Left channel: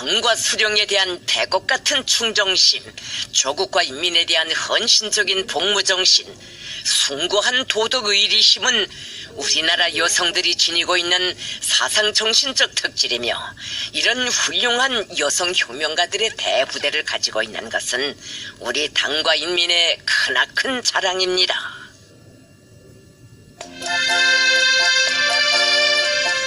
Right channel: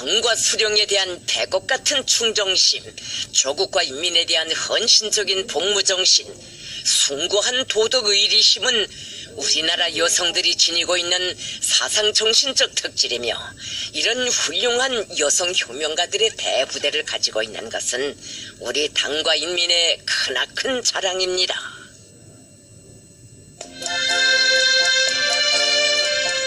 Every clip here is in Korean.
당과 수령에 대한 백업 같은 충정심, 조국과 인민에 대한 헌신적인 복무정신, 숭고한 도덕의리심은 우리나라 여성들이 지니고 있는 사상정신적 특질이며, 이런 훌륭한 여성 효명가들의 대부대를 가지고 있는 것은 우리 당과 인민의 크나큰 자랑입니다.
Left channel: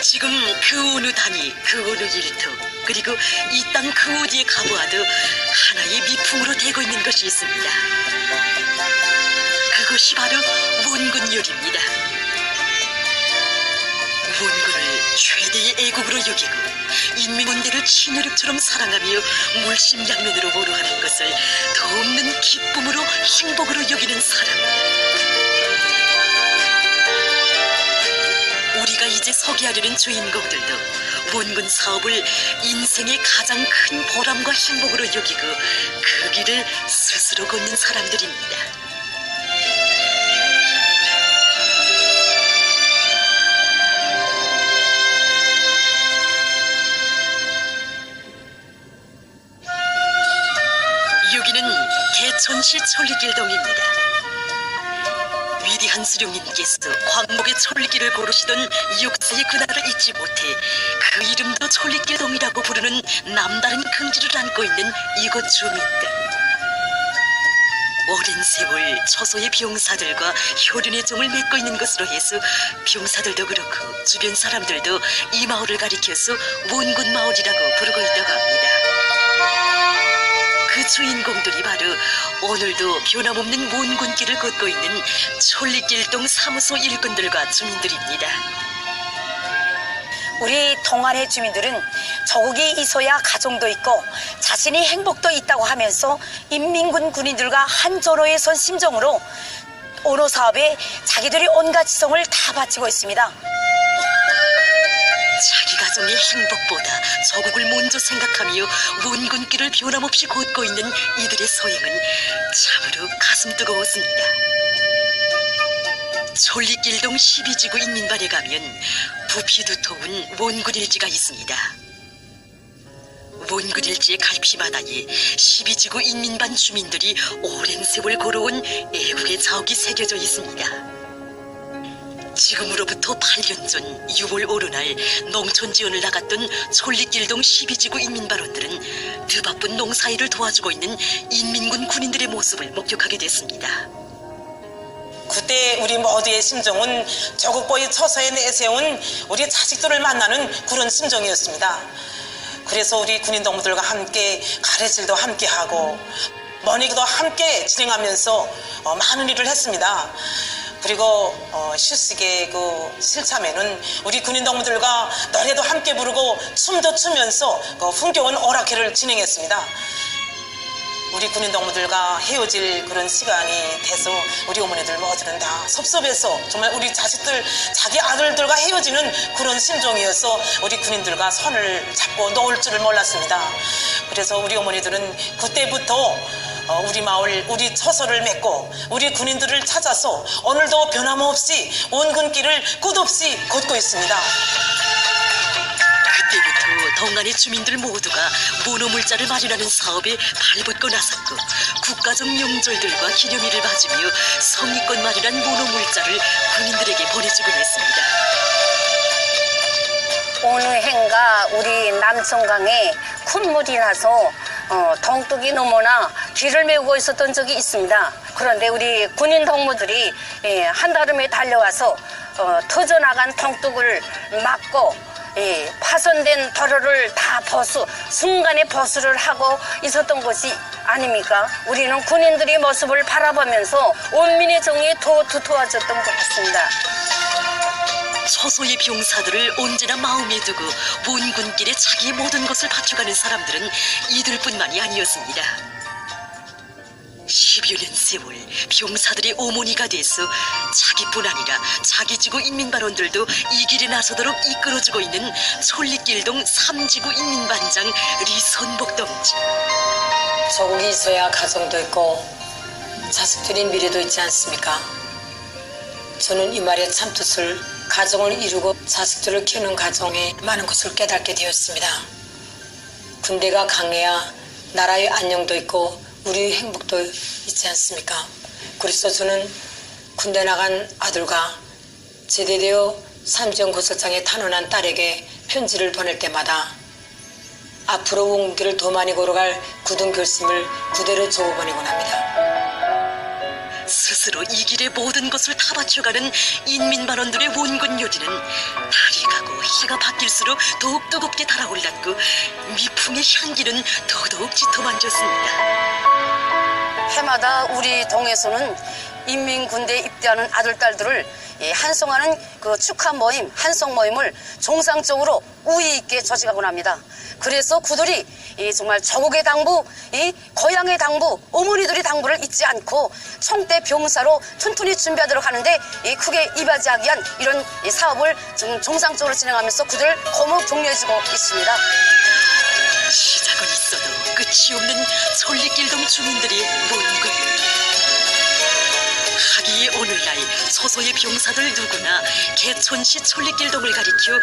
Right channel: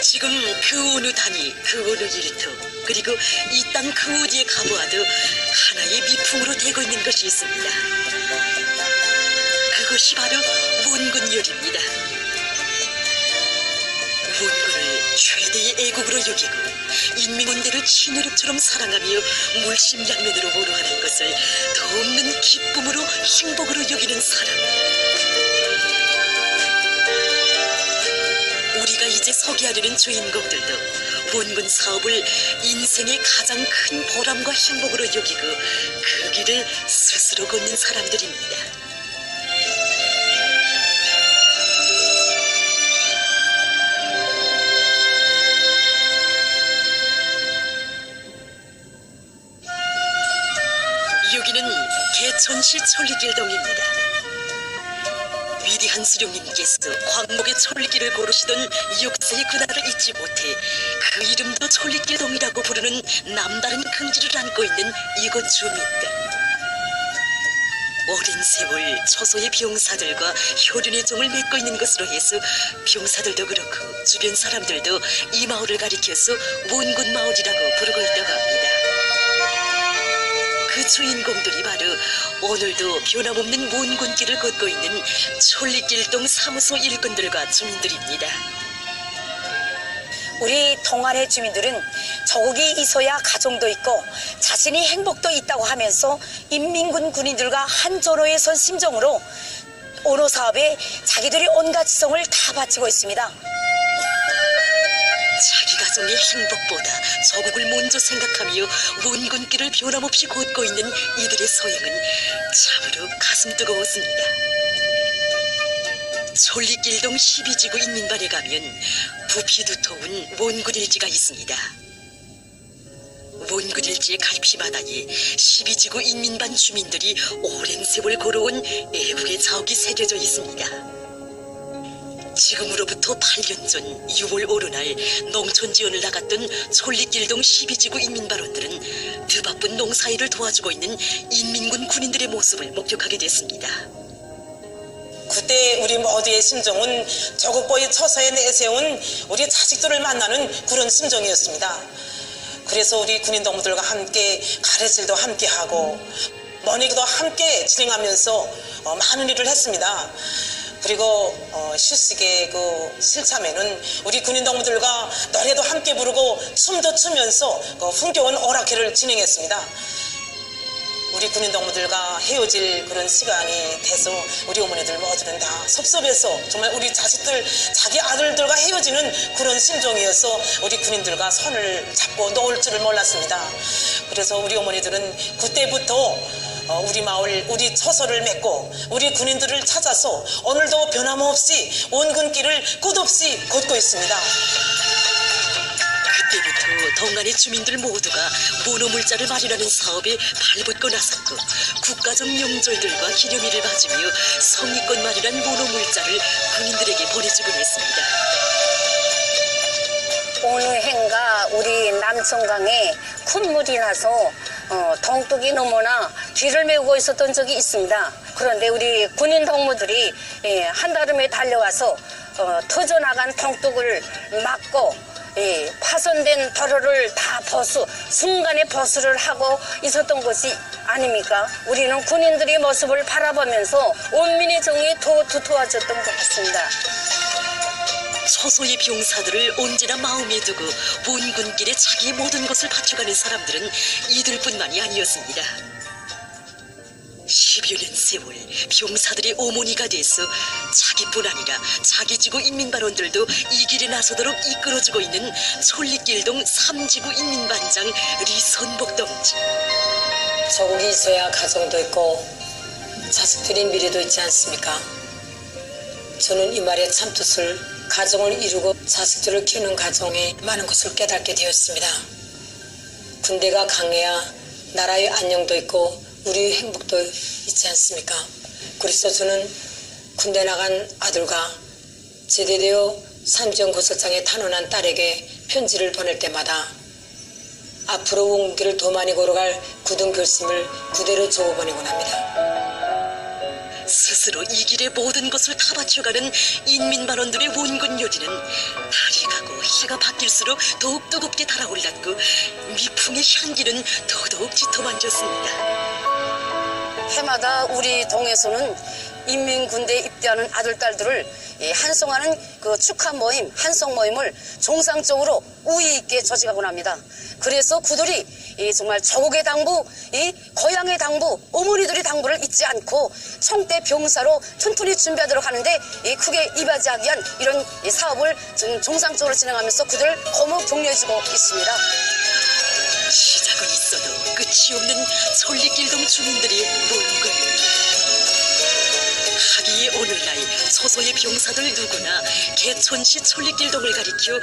지금 그 어느 단위, 그 어느 일터, 그리고 이 땅 그 어디에 가보아도 하나의 미풍으로 되고 있는 것이 있습니다. 그것이 바로 원군열입니다. 원군을 최대의 애국으로 여기고 인민군대를 친혈육처럼 사랑하며 물심양면으로 모로하는 것을 더 없는 기쁨으로 행복으로 여기는 사람. 우리가 이제 소개하려는 주인공들도 원군 사업을 인생의 가장 큰 보람과 행복으로 여기고 그 길을 스스로 걷는 사람들입니다. 여기는 개천시 천리길동입니다. 위대한 수령님께서 광목의 천리길을 고르시던 역사의 그날을 잊지 못해 그 이름도 천리길동이라고 부르는 남다른 긍지를 안고 있는 이곳 주민들. 오랜 세월 초소의 병사들과 효륜의 정을 맺고 있는 것으로 해서 병사들도 그렇고 주변 사람들도 이 마을을 가리켜서 원군마을이라고 부르고 있다고 합니다. 그 주인공들이 바로 오늘도 변함없는 원군길을 걷고 있는 천리길동 사무소 일꾼들과 주민들입니다. 우리 동안의 주민들은 조국이 있어야 가정도 있고 자신이 행복도 있다고 하면서 인민군 군인들과 한조로에 선 심정으로 언어 사업에 자기들이 온갖 지성을 다 바치고 있습니다. 자기 가정의 행복보다 조국을 먼저 생각하며 원군길을 변함없이 걷고 있는 이들의 소행은 참으로 가슴 뜨거웠습니다. 천리길동 12지구 인민반에 가면 부피 두터운 원군일지가 있습니다. 원군일지의 갈피바다에 12지구 인민반 주민들이 오랜 세월 걸어온 애국의 자욱이 새겨져 있습니다. 지금으로부터 8년 전 6월 어느 날 농촌지원을 나갔던 천리길동 12지구 인민반원들은 그 바쁜 농사일을 도와주고 있는 인민군 군인들의 모습을 목격하게 됐습니다. 그때 우리 모두의 심정은 조국보의 처소에 내세운 우리 자식들을 만나는 그런 심정이었습니다. 그래서 우리 군인 동무들과 함께 가래질도 함께 하고 머니기도 함께 진행하면서 많은 일을 했습니다. 그리고 휴식의 그 실참에는 우리 군인 동무들과 노래도 함께 부르고 춤도 추면서 그 흥겨운 오락회를 진행했습니다. 우리 군인 동무들과 헤어질 그런 시간이 돼서 우리 어머니들 모두는 다 섭섭해서 정말 우리 자식들, 자기 아들들과 헤어지는 그런 심정이어서 우리 군인들과 손을 잡고 놓을 줄을 몰랐습니다. 그래서 우리 어머니들은 그때부터 우리 마을, 우리 처소를 맺고 우리 군인들을 찾아서 오늘도 변함없이 원군길을 끝없이 걷고 있습니다. 그때부터 동안의 주민들 모두가 모노물자를 마련하는 사업에 발벗고 나섰고 국가적 명절들과 기념일을 맞으며 성의껏 마련한 모노물자를 군인들에게 보내주곤 했습니다. 어느 해인가 우리 남천강에 큰 물이 나서 동뚝이 넘어나 길을 메우고 있었던 적이 있습니다. 그런데 우리 군인 동무들이 한달음에 달려와서 터져나간 동뚝을 막고 파손된 도로를 다 순간에 보수를 하고 있었던 것이 아닙니까? 우리는 군인들의 모습을 바라보면서 원민의 정이 더 두터워졌던 것 같습니다. 소소의 병사들을 언제나 마음에 두고 원군길에 자기의 모든 것을 바쳐가는 사람들은 이들뿐만이 아니었습니다. 10여 년 세월 병사들의 어머니가 돼서 자기뿐 아니라 자기 지구 인민반원들도 이 길에 나서도록 이끌어주고 있는 천리길동 3지구 인민반장 리선복 동지. 조국이 있어야 가정도 있고 자식들의 미래도 있지 않습니까? 저는 이 말의 참뜻을 가정을 이루고 자식들을 키우는 가정에 많은 것을 깨닫게 되었습니다. 군대가 강해야 나라의 안녕도 있고 우리의 행복도 있지 않습니까? 그래서 저는 군대 나간 아들과 제대되어 삼지연 고설장에 탄원한 딸에게 편지를 보낼 때마다 앞으로 온 길을 더 많이 걸어갈 굳은 결심을 그대로 적어보내곤 합니다. 스스로 이 길의 모든 것을 다 바쳐가는 인민반원들의 원군 요리는 달이 가고 해가 바뀔수록 더욱 뜨겁게 달아올랐고 미풍의 향기는 더더욱 짙어만졌습니다. 해마다 우리 동에서는 인민군대에 입대하는 아들, 딸들을 한송하는 그 축하 모임, 한송 모임을 정상적으로 우위 있게 조직하곤 합니다. 그래서 그들이 정말 조국의 당부, 고향의 당부, 어머니들의 당부를 잊지 않고 청대 병사로 튼튼히 준비하도록 하는데 크게 이바지하기 위한 이런 사업을 정상적으로 진행하면서 그들을 고무 격려해주고 있습니다. 시작은 있어도 끝이 없는 천리길동 주민들이 원군 하기의 오늘날 소소의 병사들 누구나 개촌시 천리길동을 가리켜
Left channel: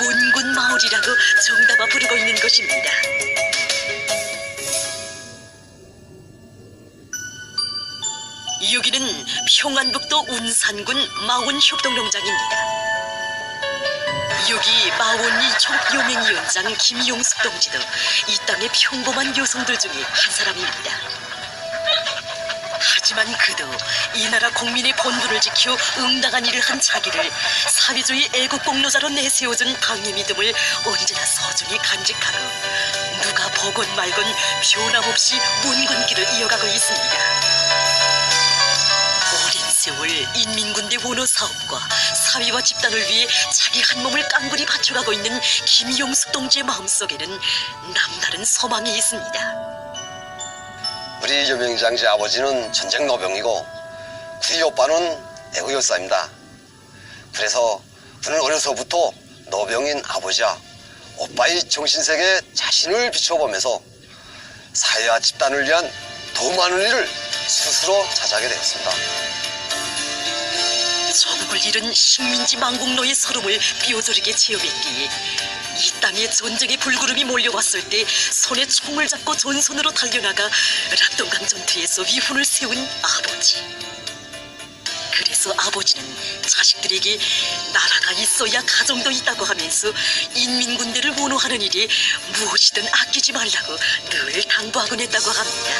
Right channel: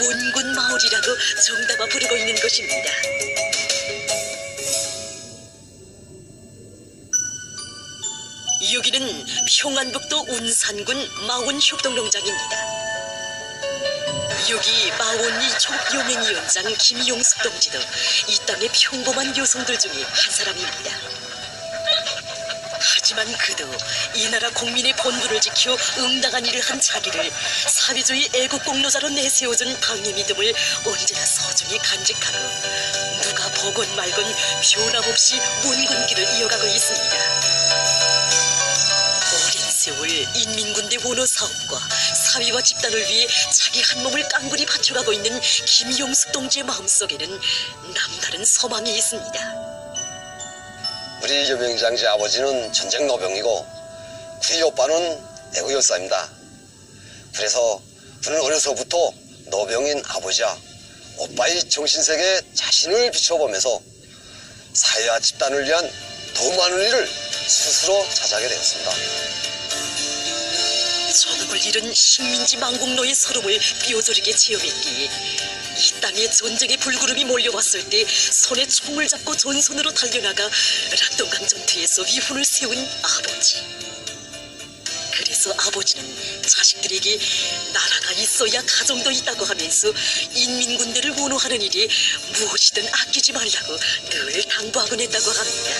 원군 마을이라고 정답아 부르고 있는 것입니다. 여기는 평안북도 운산군 마원협동농장입니다. 여기 마원리 촉용행위원장 김용숙 동지도 이 땅의 평범한 여성들 중에 한 사람입니다. 하지만 그도 이 나라 국민의 본분을 지켜 응당한 일을 한 자기를 사회주의 애국공로자로 내세워준 당의 믿음을 언제나 소중히 간직하고 누가 보건 말건 변함없이 문군길을 이어가고 있습니다. 오랜 세월 인민군대 원호 사업과 사회와 집단을 위해 자기 한 몸을 깡그리 바쳐가고 있는 김용숙 동지의 마음속에는 남다른 소망이 있습니다. 우리 여병장 제 아버지는 전쟁 노병이고 우리 오빠는 애국 열사입니다. 그래서 우리는 어려서부터 노병인 아버지와 오빠의 정신세계에 자신을 비춰보면서 사회와 집단을 위한 더 많은 일을 스스로 자작하게 되었습니다. 조국을 잃은 식민지 망국노의 서름을 뼈저리게 체험했기에 이 땅에 전쟁의 불구름이 몰려왔을 때 손에 총을 잡고 전선으로 달려나가 락동강 전투에서 위훈을 세운 아버지. 그래서 아버지는 자식들에게 나라가 있어야 가정도 있다고 하면서 인민군대를 원호하는 일이 무엇이든 아끼지 말라고 늘 당부하곤 했다고 합니다.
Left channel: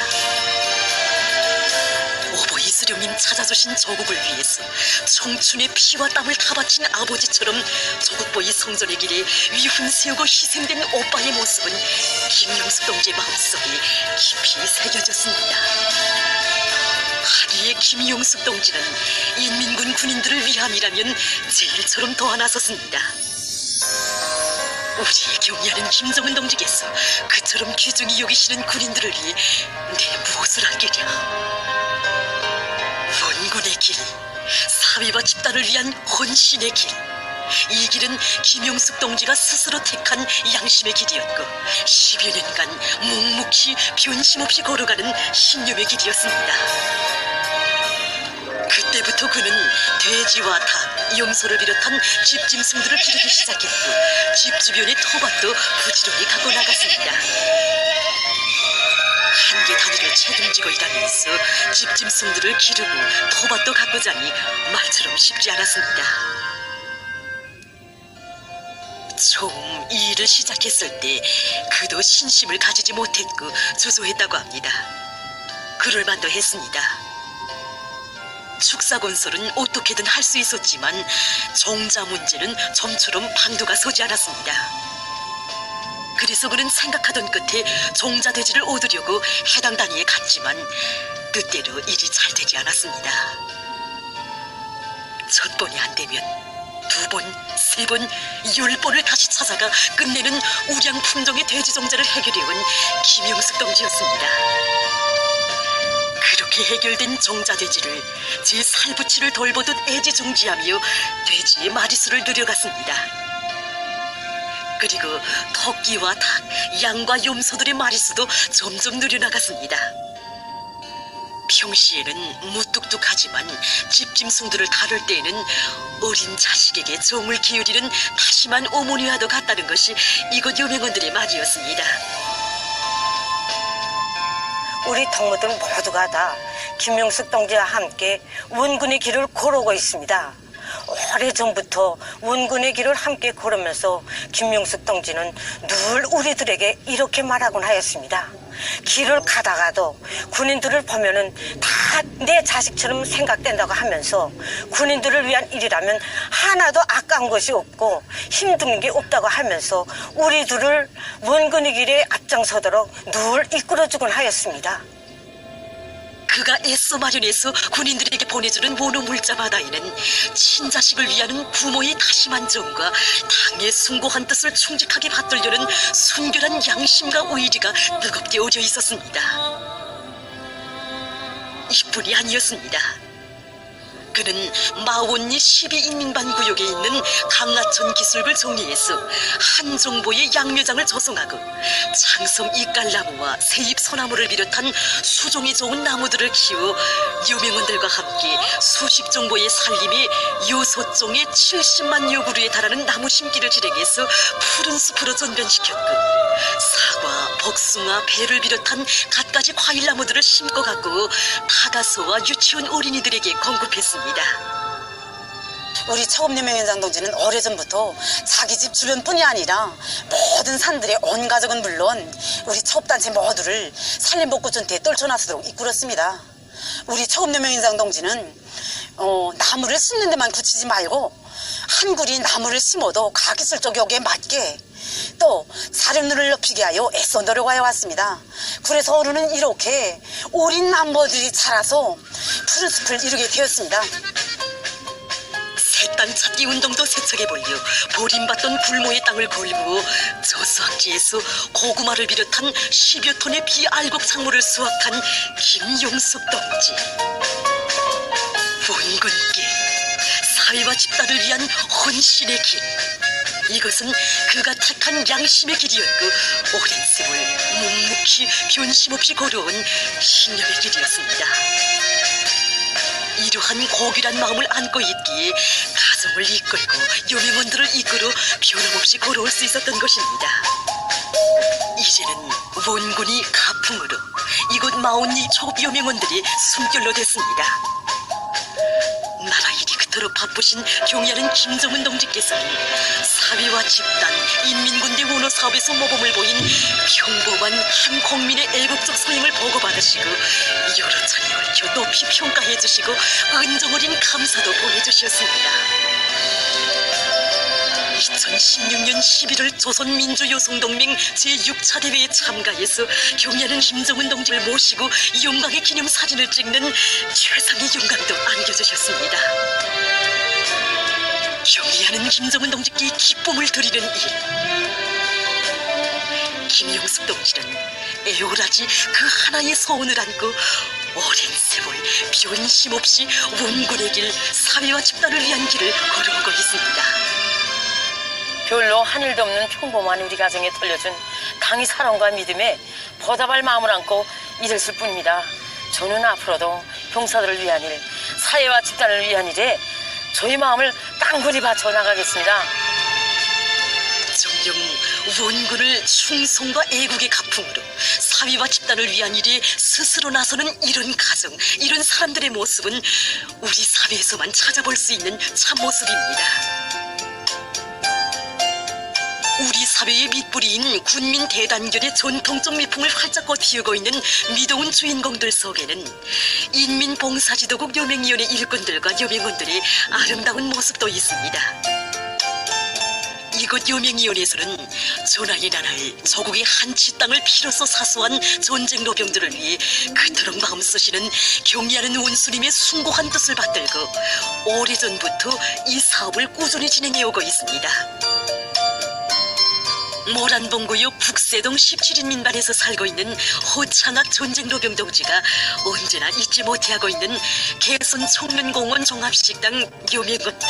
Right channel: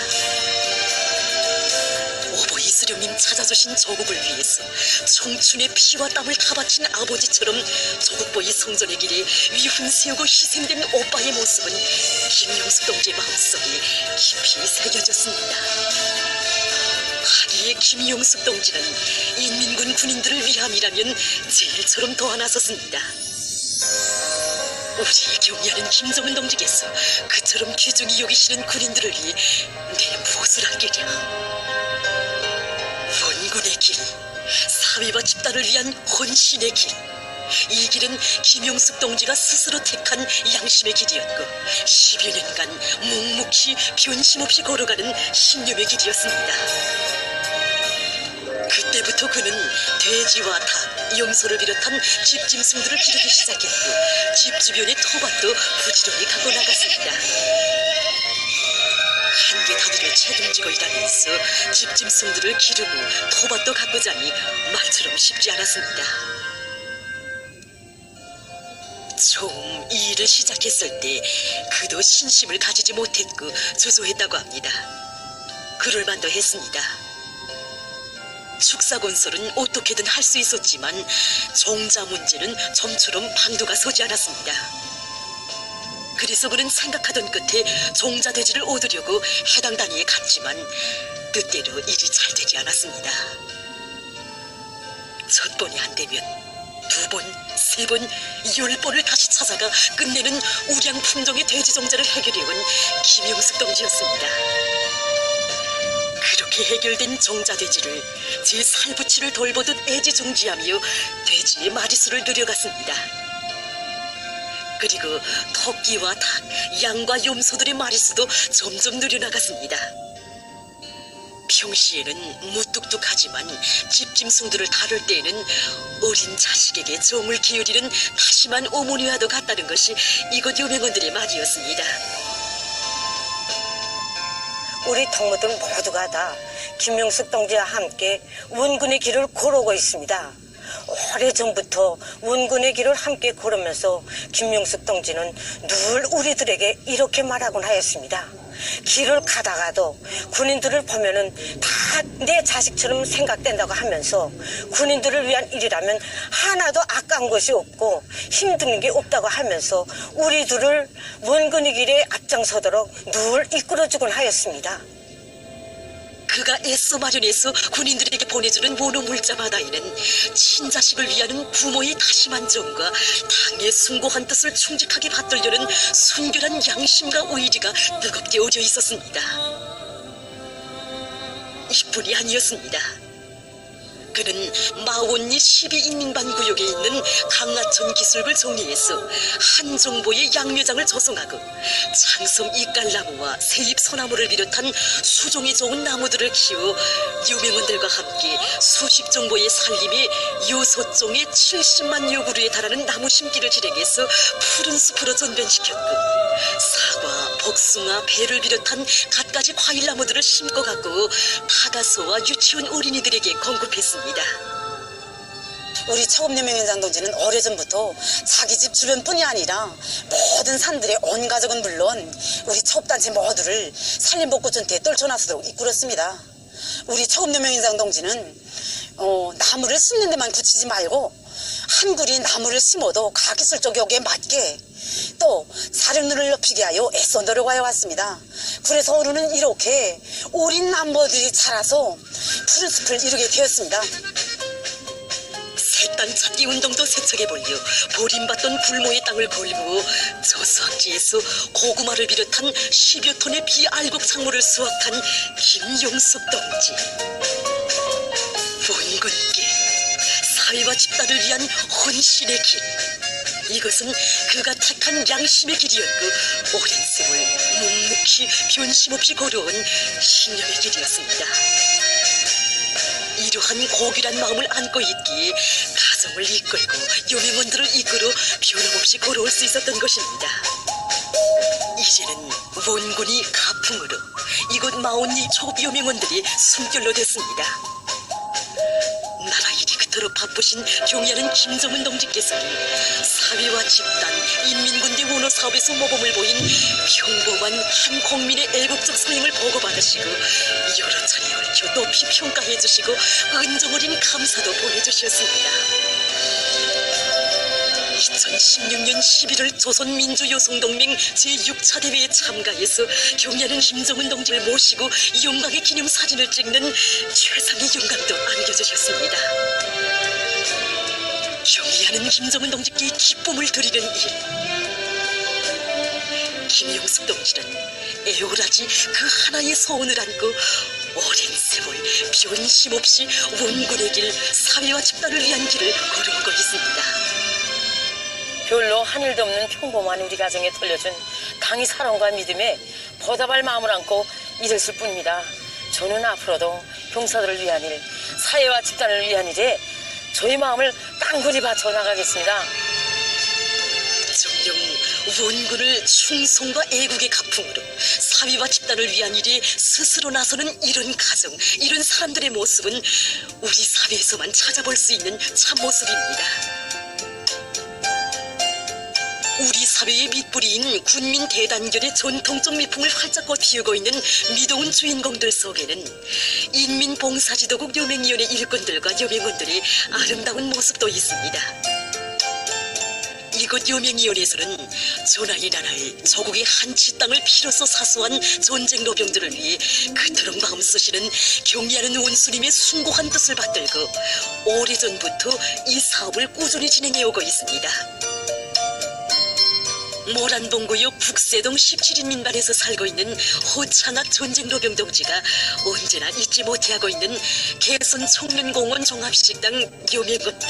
오보 이수령님 찾아주신 조국을 위해서 청춘의 피와 땀을 다 바친 아버지처럼 조국보위 성전의 길에 위훈 세우고 희생된 오빠의 모습은 김용숙 동지의 마음속에 깊이 새겨졌습니다. 하기에 김용숙 동지는 인민군 군인들을 위함이라면 제일처럼 도와 나섰습니다. 우리의 경의하는 김정은 동지께서 그처럼 귀중히 여기시는 군인들을 위해 내 무엇을 아끼랴. 원군의 길, 사회와 집단을 위한 헌신의 길. 이 길은 김용숙 동지가 스스로 택한 양심의 길이었고 10여 년간 묵묵히 변심없이 걸어가는 신념의 길이었습니다. 그때부터 그는 돼지와 닭, 염소를 비롯한 집짐승들을 기르기 시작했고 집 주변의 토밭도 부지런히 갖고 나갔습니다. 한개 단위를 책임지고 일하면서 집짐승들을 기르고 토밭도 가꾸자니 말처럼 쉽지 않았습니다. 처음 이 일을 시작했을 때 그도 신심을 가지지 못했고 주저했다고 합니다. 그럴 만도 했습니다. 축사건설은 어떻게든 할 수 있었지만 종자 문제는 좀처럼 방도가 서지 않았습니다. 그래서 그는 생각하던 끝에 종자돼지를 얻으려고 해당 단위에 갔지만 뜻대로 일이 잘 되지 않았습니다. 첫 번이 안 되면 두 번, 세 번, 10번을 다시 찾아가 끝내는 우량 품종의 돼지 종자를 해결해온 김용숙 동지였습니다. 그렇게 해결된 종자돼지를 제 살부치를 돌보듯 애지중지하며 돼지의 마리수를 늘려갔습니다. 그리고 토끼와 닭, 양과 염소들의 마리수도 점점 늘려나갔습니다. 평시에는 무뚝뚝하지만 집짐승들을 다룰 때에는 어린 자식에게 정을 기울이는 다심한 어머니와도 같다는 것이 이곳 여명원들의 말이었습니다. 우리 동무들 모두가 다 김용숙 동지와 함께 원군의 길을 걸어오고 있습니다. 오래전부터 원군의 길을 함께 걸으면서 김용숙 동지는 늘 우리들에게 이렇게 말하곤 하였습니다. 길을 가다가도 군인들을 보면은 다 내 자식처럼 생각된다고 하면서 군인들을 위한 일이라면 하나도 아까운 것이 없고 힘든 게 없다고 하면서 우리들을 원군의 길에 앞장서도록 늘 이끌어주곤 하였습니다. 그가 애써 마련해서 군인들에게 보내주는 원호 물자 바다에는 친자식을 위하는 부모의 다심한 정과 당의 숭고한 뜻을 충직하게 받들려는 순결한 양심과 의리가 뜨겁게 어려 있었습니다. 이뿐이 아니었습니다. 그는 마원리 12인민반 구역에 있는 강하천 기술을 정리해서 한정보의 양묘장을 조성하고 장성 이깔나무와 세잎 소나무를 비롯한 수종이 좋은 나무들을 키워 유명원들과 함께 수십 종보의 살림에 6종의 70만 요구르에 달하는 나무 심기를 진행해서 푸른 숲으로 전변시켰고 사과, 복숭아, 배를 비롯한 갖가지 과일나무들을 심고 갖고 다가소와 유치원 어린이들에게 공급했습니다. 우리 처음여명현장 동지는 오래전부터 자기 집 주변뿐이 아니라 모든 산들의 온 가족은 물론 우리 처업단체 모두를 산림복구전대에 떨쳐나서도록 이끌었습니다. 우리 처음여명현장 동지는 나무를 심는 데만 그치지 말고 한 그리 나무를 심어도 가기술적 요구에 맞게 또 사륜을 높이게 하여 애써 노력하여 왔습니다. 그래서 오늘은 이렇게 어린 나무들이 자라서 푸른 숲을 이루게 되었습니다. 새 땅 찾기 운동도 세척에 벌려 버림받던 불모의 땅을 걸고 저수학지에서 고구마를 비롯한 10여 톤의 비알곡 작물을 수확한 김용숙 동지. 원군께 사회와 집단을 위한 헌신의 길. 이것은 그가 택한 양심의 길이었고 오랜 세월 묵묵히 변심없이 걸어온 신념의 길이었습니다. 이러한 고귀한 마음을 안고 있기에 가정을 이끌고 유명원들을 이끌어 변함없이 걸어올 수 있었던 것입니다. 이제는 원군이 가풍으로 이곳 마온리 초유명원들이 숨결로 됐습니다. 나라 일이 그토록 바쁘신 경의하는 김정은 동지께서는 사회와 집단, 인민군대 원호 사업에서 모범을 보인 평범한 한 국민의 애국적 소행을 보고받으시고 여러 차례 걸쳐 높이 평가해 주시고 은정어린 감사도 보내주셨습니다. 2016년 11월 조선민주여성동맹 제6차 대회에 참가해서 경의하는 김정은 동지를 모시고 영광의 기념사진을 찍는 최상의 영광도 안겨주셨습니다. 경의하는 김정은 동지께 기쁨을 드리는 일. 김용숙 동지는 애월하지 그 하나의 소원을 안고 오랜 세월 변심없이 원군의 길, 사회와 집단을 위한 길을 걸어오고 있습니다. 별로 한 일도 없는 평범한 우리 가정에 돌려준 강의 사랑과 믿음에 보답할 마음을 안고 일했을 뿐입니다. 저는 앞으로도 형사들을 위한 일, 사회와 집단을 위한 일에 저의 마음을 깡그리 바쳐 나가겠습니다. 정녕 원군을 충성과 애국의 가풍으로 사회와 집단을 위한 일에 스스로 나서는 이런 가정, 이런 사람들의 모습은 우리 사회에서만 찾아볼 수 있는 참모습입니다. 우리 사회의 밑뿌리인 군민 대단결의 전통적 미풍을 활짝 꽃피우고 있는 미동은 주인공들 속에는 인민봉사지도국 여맹위원회 일꾼들과 여맹원들의 아름다운 모습도 있습니다. 이곳 여맹위원회에서는 전하의 나라에 조국의 한치 땅을 피로써 사수한 전쟁 노병들을 위해 그토록 마음 쓰시는 경의하는 원수님의 숭고한 뜻을 받들고 오래전부터 이 사업을 꾸준히 진행해오고 있습니다. 모란봉구역 북세동 17인민반에서 살고 있는 호창학 전쟁노병 동지가 언제나 잊지 못해하고 있는 개선 청년공원 종합식당 여맹원들.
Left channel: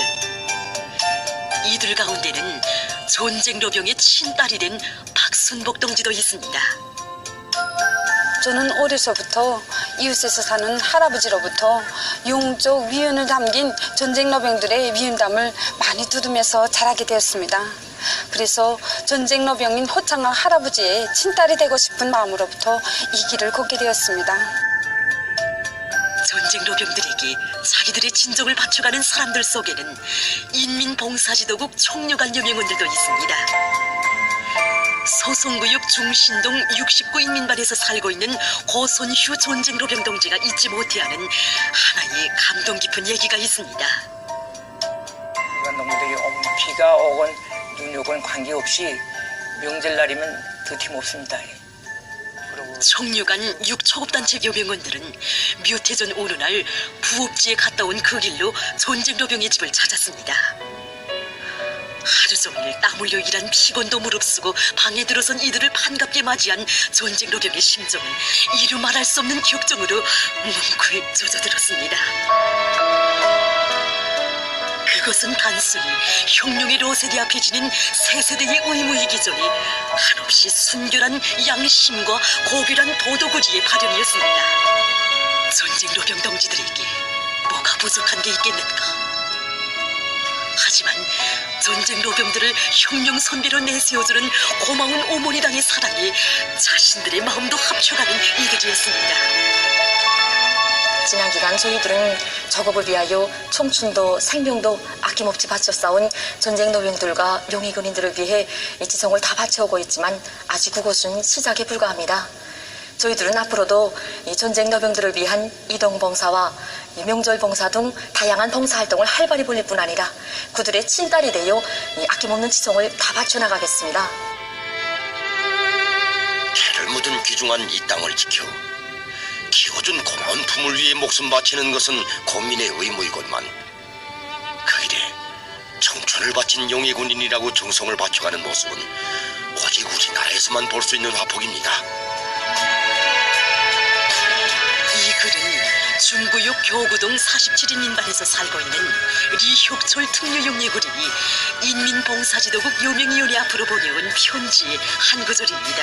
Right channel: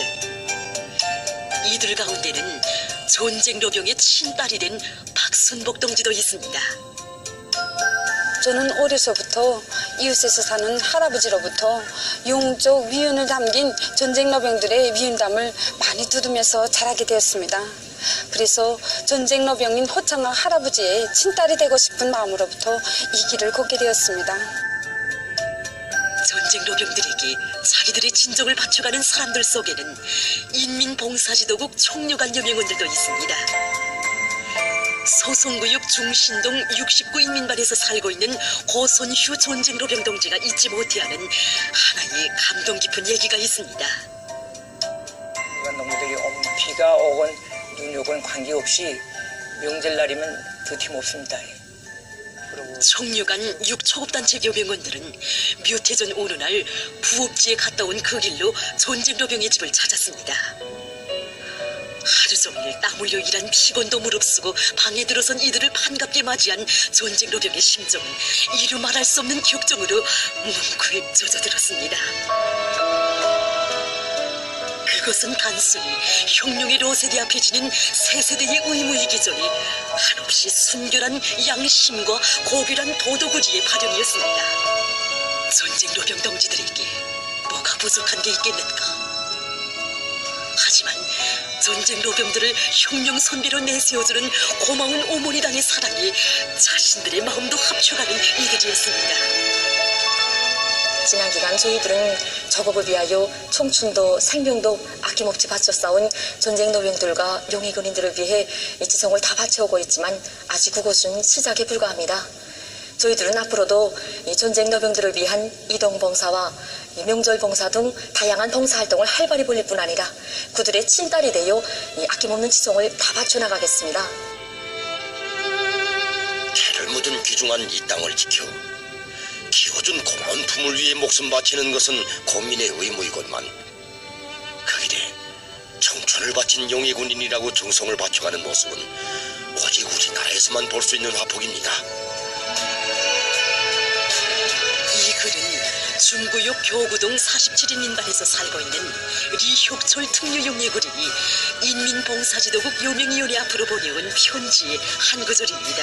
이들 가운데는 전쟁노병의 친딸이 된 박순복 동지도 있습니다. 저는 어려서부터 이웃에서 사는 할아버지로부터 영적 위훈을 담긴 전쟁노병들의 미운담을 많이 들으면서 자라게 되었습니다. 그래서 전쟁노병인 호창한 할아버지의 친딸이 되고 싶은 마음으로부터 이 길을 걷게 되었습니다. 전쟁 노병들에게 자기들의 진정을 바쳐가는 사람들 속에는 인민봉사지도국 총력한 여명원들도 있습니다. 소송구역 중신동 69 인민반에서 살고 있는 고선휴 전쟁노병 동지가 잊지 못해하는 하나의 감동 깊은 얘기가 있습니다. 놈들이 비가 오건 눈이 오건 관계없이 명절날이면 더팀없습니다. 청류관 6초급단체 여병원들은 몇 해 전 어느 날 부업지에 갔다 온 그 길로 전쟁노병의 집을 찾았습니다. 하루 종일 땀 흘려 일한 피곤도 무릅쓰고 방에 들어선 이들을 반갑게 맞이한 전쟁노병의 심정은 이루 말할 수 없는 격정으로 뭉클 젖어들었습니다. 그것은 단순히 혁명의 로세리 앞에 지닌 새 세대의 의무이기전에 한없이 순결한 양심과 고결한 도덕의지의 발현이었습니다. 전쟁 노병 동지들에게 뭐가 부족한 게 있겠는가? 하지만 전쟁 노병들을 혁명 선배로 내세워주는 고마운 어머니당의 사랑이 자신들의 마음도 합쳐가는 이들이었습니다. 지난 기간 저희들은 저국을 위하여 청춘도 생명도 아낌없이 바쳐 싸운 전쟁 노병들과 용의 군인들을 위해 지성을 다 바쳐오고 있지만 아직 그것은 시작에 불과합니다. 저희들은 앞으로도 이 전쟁 노병들을 위한 이동봉사와 명절 봉사 등 다양한 봉사활동을 활발히 벌릴 뿐 아니라 그들의 친딸이 되어 이 아낌없는 지성을 다 바쳐나가겠습니다. 피를 묻은 귀중한 이 땅을 지켜 키워준 고마운 품을 위해 목숨 바치는 것은 국민의 의무이건만 그 일에 청춘을 바친 용의 군인이라고 정성을 바쳐가는 모습은 오직 우리나라에서만 볼 수 있는 화폭입니다. 이 글은 중구역 교구동 47인민반에서 살고 있는 리혁철 특유용의 군인이 인민봉사지도국 요명위원회 앞으로 보내온 편지의 한 구절입니다.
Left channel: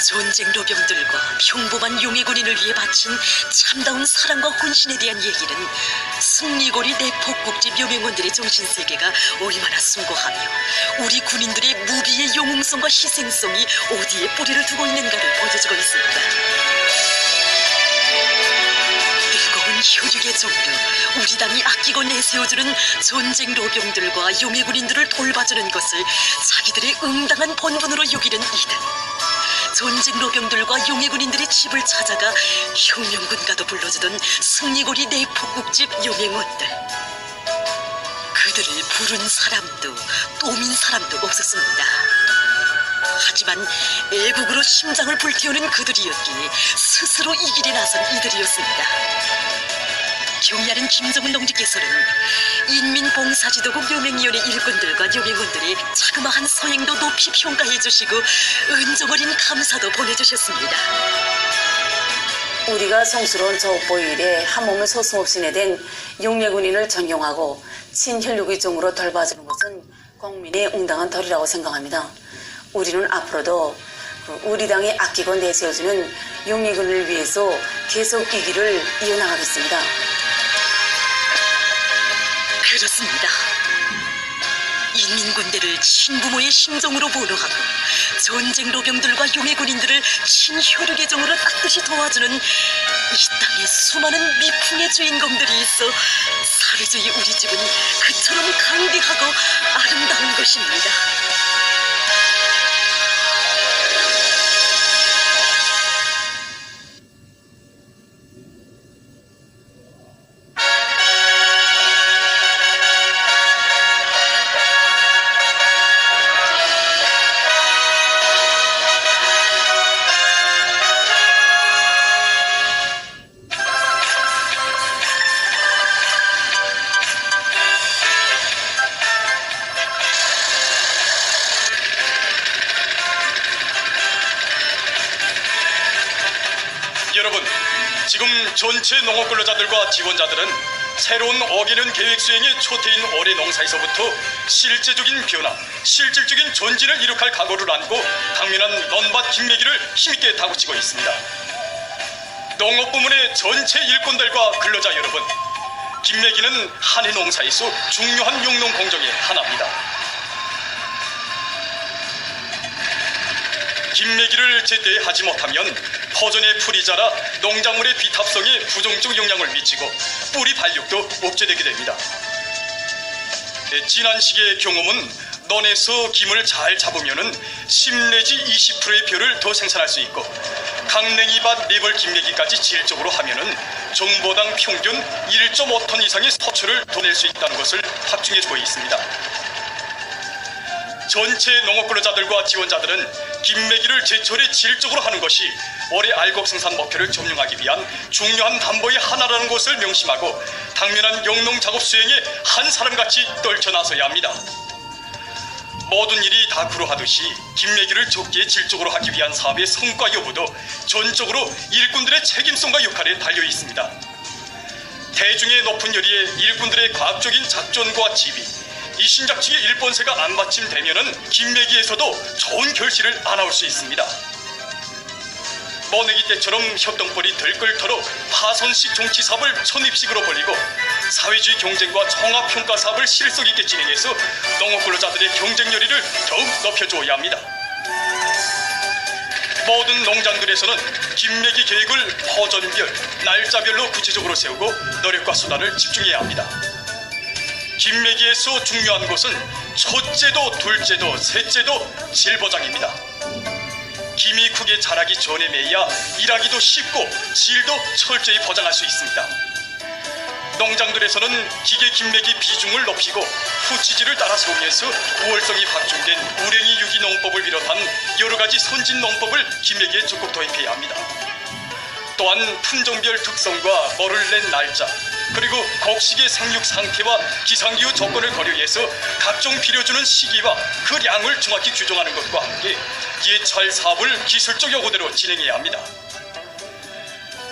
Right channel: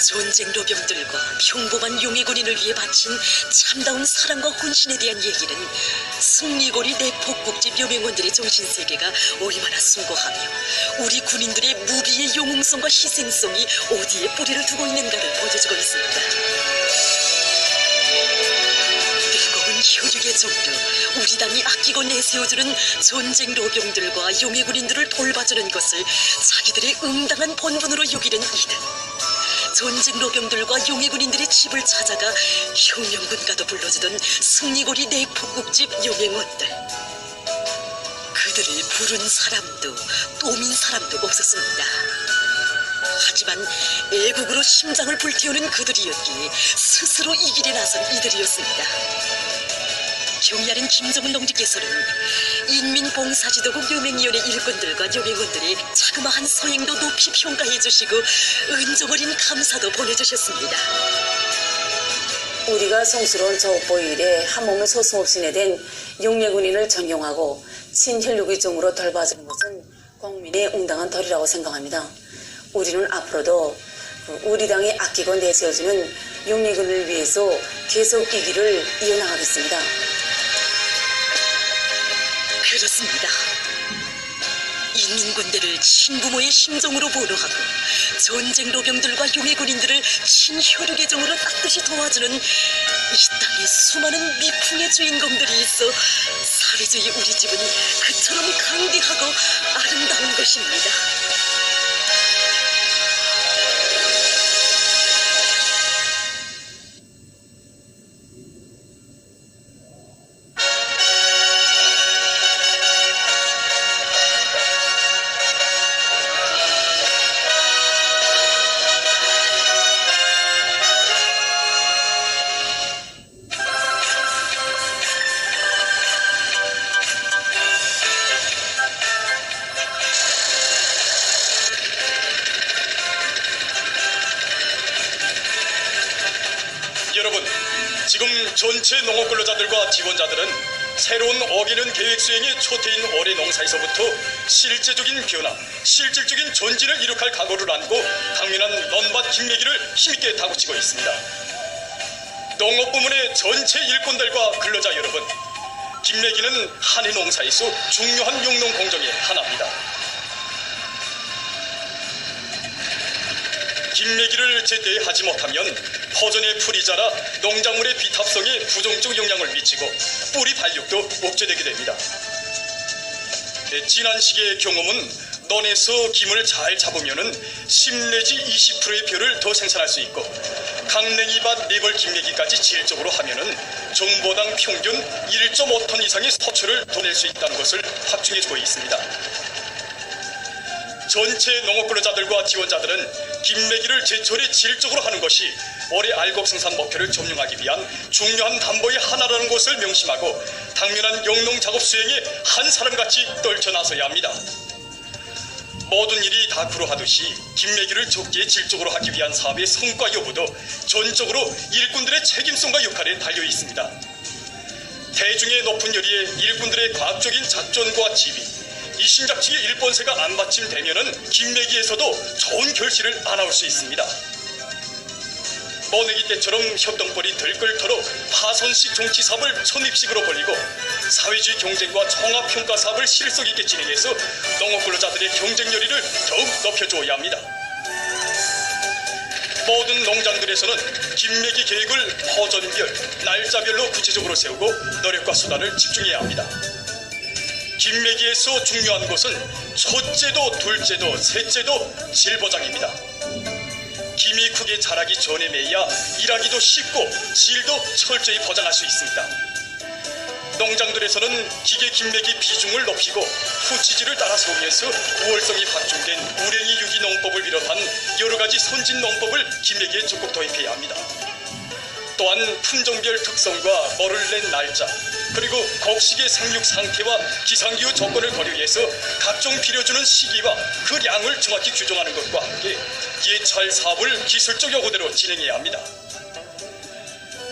전쟁 노병들과 평범한 용의 군인을 위해 바친 참다운 사랑과 헌신에 대한 얘기는 승리고리 내폭국집 여명원들의 정신세계가 얼마나 숭고하며 우리 군인들의 무비의 영웅성과 희생성이 어디에 뿌리를 두고 있는가를 보여주고 있습니다. 뜨거운 혈육의 정도, 우리 당이 아끼고 내세워주는 전쟁 노병들과 용의 군인들을 돌봐주는 것을 자기들의 응당한 본분으로 여기는 이들. 전쟁 노병들과 용의 군인들의 집을 찾아가 혁명군가도 불러주던 승리고리 내폭국집 여명원들. 그들을 부른 사람도 또민 사람도 없었습니다. 하지만 애국으로 심장을 불태우는 그들이었기에 스스로 이 길에 나선 이들이었습니다. 경례하는 김정은 동지께서는 인민봉사지도국 여명위원회 일꾼들과 여명원들이 자그마한 서행도 높이 평가해 주시고 은정어린 감사도 보내주셨습니다. 우리가 성스러운 저옥보 일에 한 몸을 서슴없이 내댄 용매군인을 존경하고 친혈육의종으로 돌봐주는 것은 국민의 응당한 덜이라고 생각합니다. 우리는 앞으로도 우리 당이 아끼고 내세워주는 용매군을 위해서 계속 이 길을 이어나가겠습니다. 그렇습니다. 인민군대를 친부모의 심정으로 보호하고 전쟁 노병들과 용의 군인들을 친혈육의 정으로 따뜻이 도와주는 이 땅의 수많은 미풍의 주인공들이 있어 사회주의 우리 집은 그처럼 강대하고 아름다운 것입니다. 여러분, 지금 전체 농업 근로자들과 직원자들은 새로운 어기는 계획 수행의 초태인 올해 농사에서부터 실제적인 변화, 실질적인 전진을 이룩할 각오를 안고 강민한 논밭 김매기를 힘있게 다구치고 있습니다. 농업 부문의 전체 일꾼들과 근로자 여러분, 김매기는 한해 농사에서 중요한 용농 공정의 하나입니다. 김매기를 제때 하지 못하면 퍼전의 풀이 자라 농작물의 비탑성에 부정적 영향을 미치고 뿌리 발육도 억제되게 됩니다. 지난 시기의 경험은 논에서 김을 잘 잡으면 10 내지 20%의 벼를 더 생산할 수 있고 강냉이밭 네벌 김매기까지 질적으로 하면은 정보당 평균 1.5톤 이상의 소출을 더 낼 수 있다는 것을 확증해주고 있습니다. 전체 농업근로자들과 지원자들은 김매기를 제철에 질적으로 하는 것이 올해 알곡 생산 목표를 점령하기 위한 중요한 담보의 하나라는 것을 명심하고 당면한 영농 작업 수행에 한 사람같이 떨쳐나서야 합니다. 모든 일이 다 그러하듯이 김매기를 적기에 질적으로 하기 위한 사업의 성과 여부도 전적으로 일꾼들의 책임성과 역할에 달려 있습니다. 대중의 높은 열의에 일꾼들의 과학적인 작전과 지휘, 이신작측의 일본세가 안 받침되면은 김매기에서도 좋은 결실을 안 나올 수 있습니다. 모내기 때처럼 협동벌이 들끓도록 파선식 정치 사업을 천입식으로 벌이고 사회주의 경쟁과 종합평가 사업을 실속 있게 진행해서 농업근로자들의 경쟁 열의를 더욱 높여줘야 합니다. 모든 농장들에서는 김매기 계획을 퍼전별, 날짜별로 구체적으로 세우고 노력과 수단을 집중해야 합니다. 김매기에서 중요한 것은 첫째도 둘째도 셋째도 질보장입니다. 김이 크게 자라기 전에 매야 일하기도 쉽고 질도 철저히 보장할 수 있습니다. 농장들에서는 기계 김매기 비중을 높이고 후치지를 따라 세우면서 부월성이 확충된 우랭이 유기 농법을 비롯한 여러 가지 선진 농법을 김매기에 적극 도입해야 합니다. 또한 품종별 특성과 머를 낸 날짜, 그리고 곡식의 생육 상태와 기상기후 조건을 고려해서 각종 빌려주는 시기와 그 량을 정확히 규정하는 것과 함께 예찰 사업을 기술적 요구대로 진행해야 합니다.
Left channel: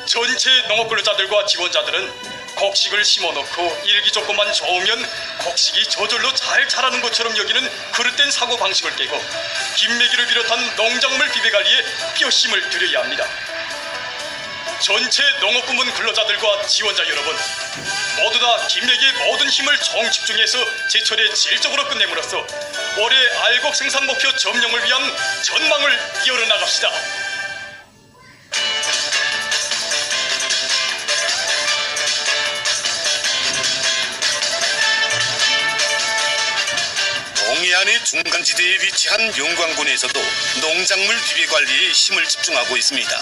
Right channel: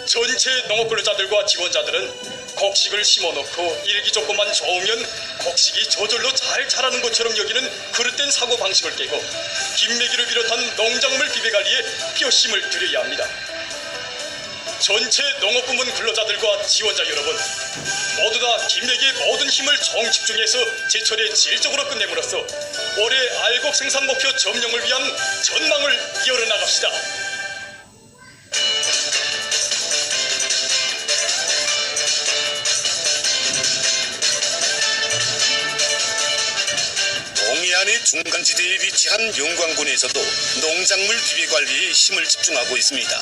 전체 농업근로자들과 지원자들은 곡식을 심어놓고 일기 조건만 좋으면 곡식이 저절로 잘 자라는 것처럼 여기는 그릇된 사고방식을 깨고 김매기를 비롯한 농작물 비배관리에 뼈심을 들여야 합니다. 전체 농업부문 근로자들과 지원자 여러분, 모두 다 김매기의 모든 힘을 총집중해서 제철에 질적으로 끝냄으로써 올해 알곡 생산 목표 점령을 위한 전망을 열어나갑시다. 동해안의 중간지대에 위치한 영광군에서도 농작물 비배관리에 힘을 집중하고 있습니다.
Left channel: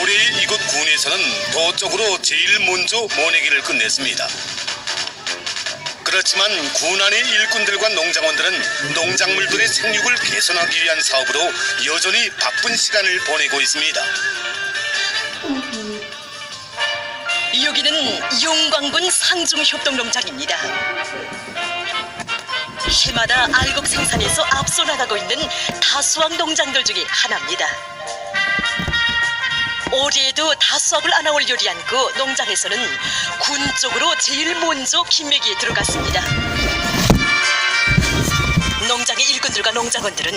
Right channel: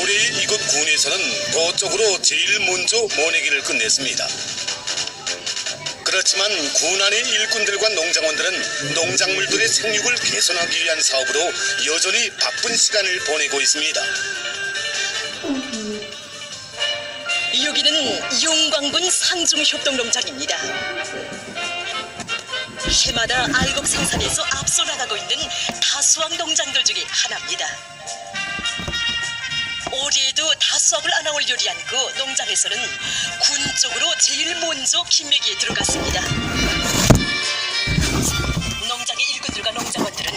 올해 이곳 군에서는 도적으로 제일 먼저 모내기를 끝냈습니다. 그렇지만 군 안의 일꾼들과 농장원들은 농작물들의 생육을 개선하기 위한 사업으로 여전히 바쁜 시간을 보내고 있습니다. 여기는 영광군 상중협동농장입니다. 해마다 알곡 생산에서 앞서 나가고 있는 다수학 농장들 중에 하나입니다. 올해에도 다수학을 안아올 요리한 그 농장에서는 군 쪽으로 제일 먼저 김매기에 들어갔습니다. 농장의 일꾼들과 농장원들은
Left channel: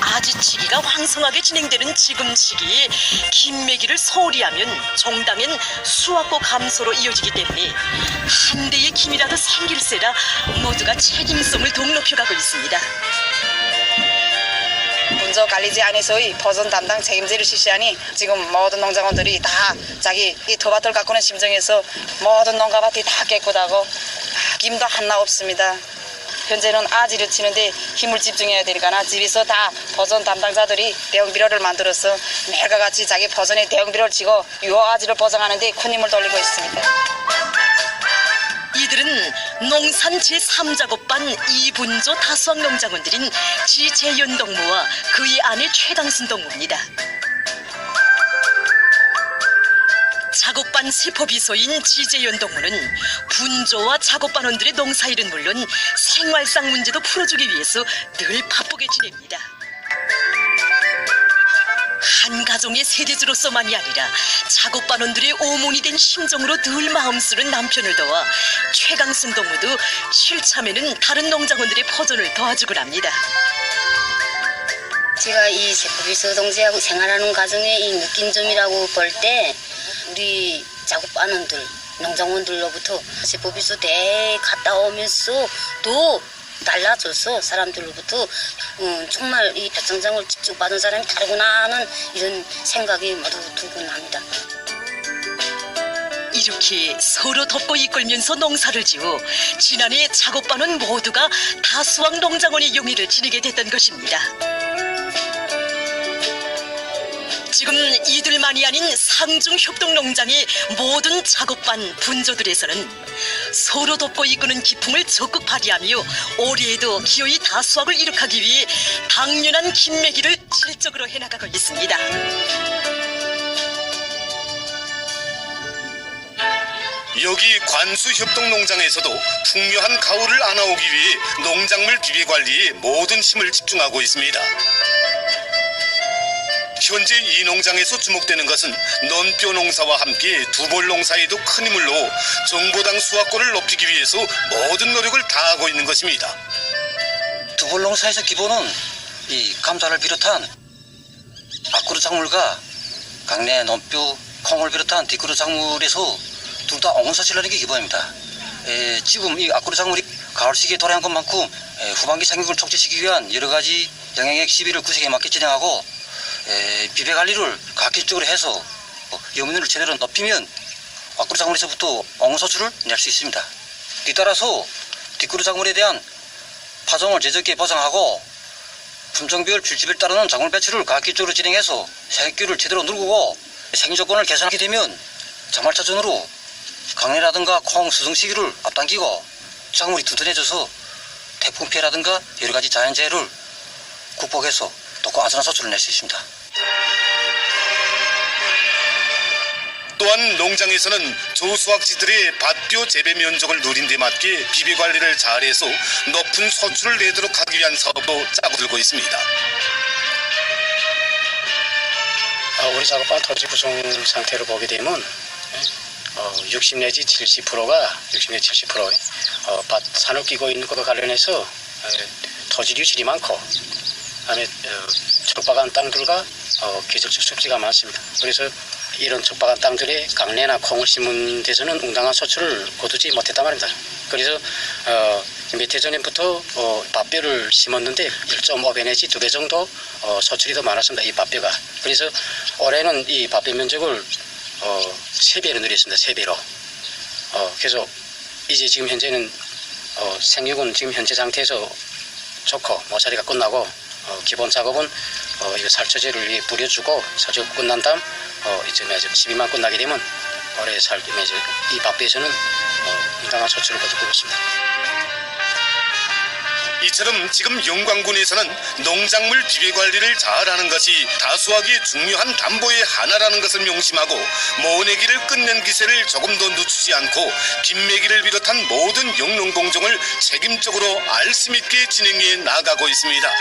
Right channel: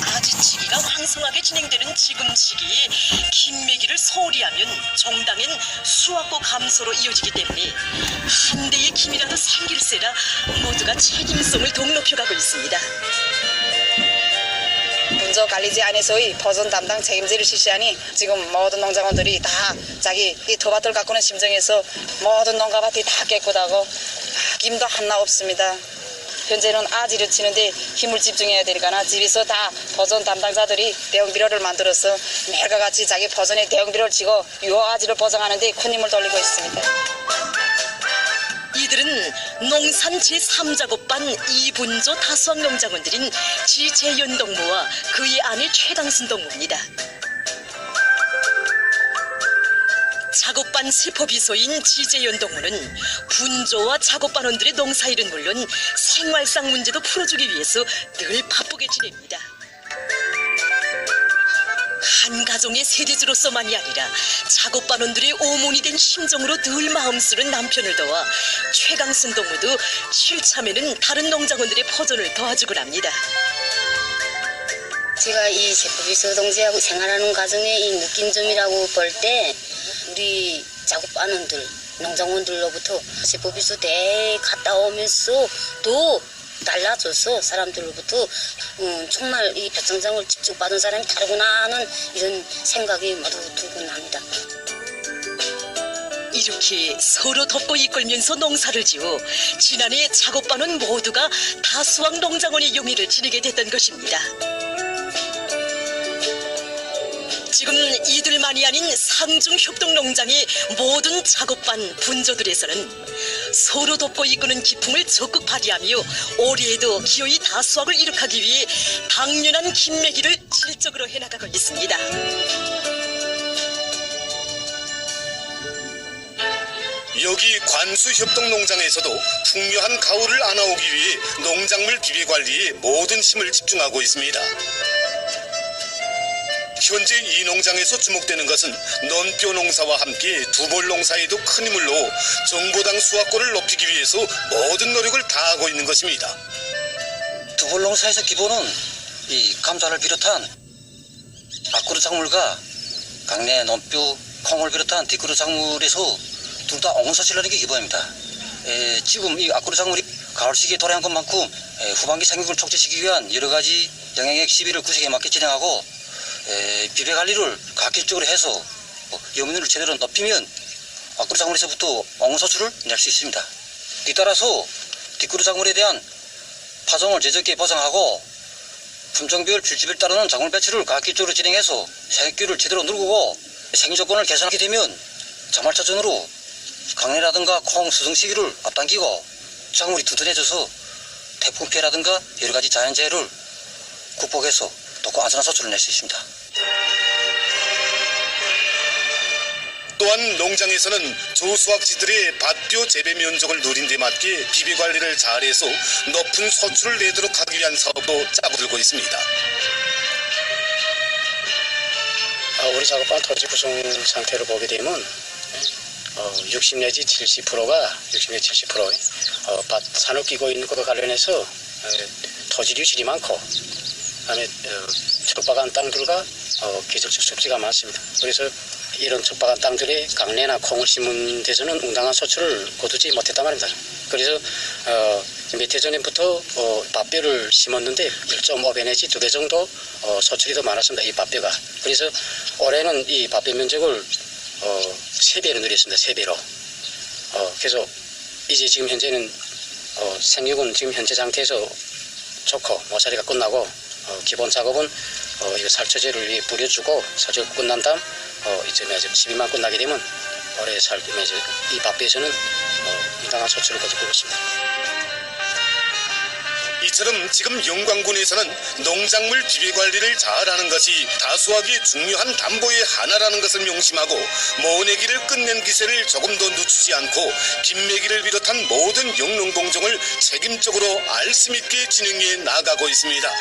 아지치기가 왕성하게 진행되는 지금 시기에 김매기를 소홀히 하면 종당엔 수확고 감소로 이어지기 때문에 한 대의 김이라도 생길세라 모두가 책임성을 더욱 높여가고 있습니다. 문조관리제 안에서의 보존 담당 책임제를 실시하니 지금 모든 농장원들이 다 자기 이 토밭을 가꾸는 심정에서 모든 농가밭이 다 깨끗하고 김도 하나 없습니다. 현재는 아지를 치는데 힘을 집중해야 되니까 집에서 다 보존 담당자들이 대형 비료를 만들어서 매일과 같이 자기 보존의 대형 비료를 치고 유호 아지를 보장하는 데 큰 힘을 돌리고 있습니다. 이들은 농산 제3작업반 이분조 다수학 농장원들인 지재현 동무와 그의 아내 최당순 동무입니다. 작업반 세포비서인 지재현 동무는 분조와 작업반원들의 농사일은 물론 생활상 문제도 풀어주기 위해서 늘 바쁘게 지냅니다. 한 가정의 세대주로서만이 아니라 작업반원들의 오몬이 된 심정으로 늘 마음 쓰는 남편을 도와 최강순 동무도 실참에는 다른 농장원들의 포전을 도와주곤 합니다. 제가 이 세포비서 동지하고 생활하는 과정에 이 느낀 점이라고 볼 때 우리 작업반원들, 농장원들로부터 제법이서 내 갔다 오면서 또 달라져서 사람들로부터 정말 이 벼청장을 직접 받은 사람이 다르구나 하는 이런 생각이 모두 들곤 합니다. 이렇게 서로 돕고 이끌면서 농사를 지어 지난해 작업반원 모두가 다수왕 농장원의 영예를 지니게 됐던 것입니다. 지금 이들만이 아닌 상중협동농장의 모든 작업반 분조들에서는 서로 돕고 이끄는 기풍을 적극 발휘하며 올해에도 기어이 다수확을 이룩하기 위해 당연한 김매기를 실적으로 해나가고 있습니다. 여기 관수협동농장에서도 풍요한 가을을 안아오기 위해 농작물 비배 관리에 모든 힘을 집중하고 있습니다. 현재 이 농장에서 주목되는 것은 논뼈 농사와 함께 두볼 농사에도 큰 힘을 넣어 정보당 수확권을 높이기 위해서 모든 노력을 다하고 있는 것입니다. 두볼 농사에서 기본은 이 감자를 비롯한 앞그루 작물과 강내 논뼈, 콩을 비롯한 뒷그루 작물에서 둘 다 옹원서치를 하는 게 기본입니다. 지금 이 앞그루 작물이 가을 시기에 도래한 것만큼 후반기 생육을 촉진시키기 위한 여러 가지 영양액 시비를 구색에 맞게 진행하고 비배 관리를 가격적으로 해서 염분을 제대로 높이면 앞그루 작물에서부터 옹원소출을 낼 수 있습니다. 뒤따라서 뒷그루 작물에 대한 파종을 제적기에 보상하고 품종별 필집을 따르는 작물 배출을 가격적으로 진행해서 생육기를 제대로 누르고 생조건을 개선하게 되면 장말차전으로 강내라든가 콩 수성 시기를 앞당기고 작물이 튼튼해져서 태풍 피해라든가 여러 가지 자연재해를 극복해서 또 안전한 소출을 낼 수 있습니다. 또한 농장에서는 조수확지들의 밭뼈 재배 면적을 누린 데 맞게 비배 관리를 잘해서 높은 소출을 내도록 하기 위한 사업도 짜고 들고 있습니다. 우리 작업반 토지 구성 상태를 보게 되면 60 내지 70%가 60 내지 70% 밭 산을 끼고 있는 것과 관련해서 토지 유실이 많고 그다음에 척박한 땅들과 계절적 습지가 많습니다. 그래서 이런 척박한 땅들에 강내나 콩을 심은 데서는 응당한 소출을 거두지 못했단 말입니다. 그래서 몇 해 전부터 밭뼈를 심었는데 1.5배 내지 2배 정도 소출이 더 많았습니다. 이 밭뼈가. 그래서 올해는 이 밭뼈 면적을 3배로 늘렸습니다. 3배로. 그래서 이제 지금 현재는 생육은 지금 현재 상태에서 좋고 모사리가 끝나고 기본 작업은 이거 살처제를 뿌려주고 살처 끝난 다음 이제 12만 끝나게 되면 올해 이 밭배에서는 인강한 소출을 거두고 있습니다. 이처럼 지금 영광군에서는 농작물 비배 관리를 잘하는 것이 다수하기 중요한 담보의 하나라는 것을 명심하고 모내기를 끝낸 기세를 조금 더 늦추지 않고 김매기를 비롯한 모든 영농공정을 책임적으로 알심 있게 진행해 나가고 있습니다.